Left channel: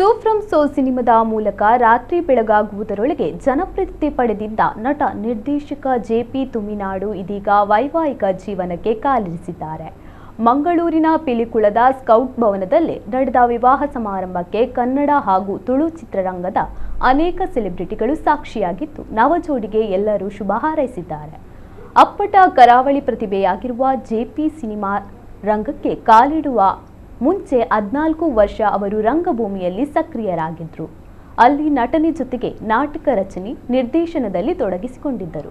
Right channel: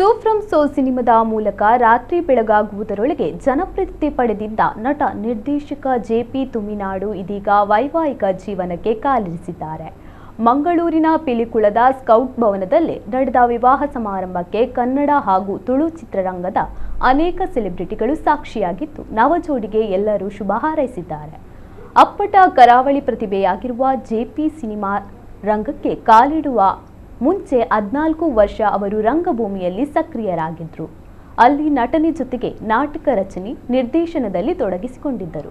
ಸೂಫ್ರಮ್ so ಸಿನಿಮಾದ ಮೂಲಕ ರಾತ್ರಿ ಬೆಳಗಾಗುವುದರೊಳಗೆ ಜನಪ್ರಿಯತೆ ಪಡೆದಿದ್ದ ನಟ ನಿರ್ದೇಶಕ ಜೆಪಿ ತುಮಿನಾಡು ಇದೀಗ ವೈವಾಹಿಕ ಜೀವನಕ್ಕೆ ಕಾಲಿರಿಸಿದ್ದಾರೆ. ಮಂಗಳೂರಿನ ಪಿಲಿಕುಳದ ಸ್ಕೌಟ್ ಭವನದಲ್ಲಿ ನಡೆದ ವಿವಾಹ ಸಮಾರಂಭಕ್ಕೆ ಕನ್ನಡ ಹಾಗೂ ತುಳು ಚಿತ್ರರಂಗದ ಅನೇಕ ಸೆಲೆಬ್ರಿಟಿಗಳು ಸಾಕ್ಷಿಯಾಗಿದ್ದು, ನವಜೋಡಿಗೆ ಎಲ್ಲರೂ ಶುಭ ಹಾರೈಸಿದ್ದಾರೆ. ಅಪ್ಪಟ ಕರಾವಳಿ ಪ್ರತಿಭೆಯಾಗಿರುವ ಜೆಪಿ ಸಿನಿಮಾ ರಂಗಕ್ಕೆ ಕಾಲಿಡುವ ಮುಂಚೆ 14 ವರ್ಷ ಅವರು ರಂಗಭೂಮಿಯಲ್ಲಿ ಸಕ್ರಿಯರಾಗಿದ್ದರು. ಅಲ್ಲಿ ನಟನೆ ಜೊತೆಗೆ ನಾಟಕ ರಚನೆ, ನಿರ್ದೇಶನದಲ್ಲಿ ತೊಡಗಿಸಿಕೊಂಡಿದ್ದರು.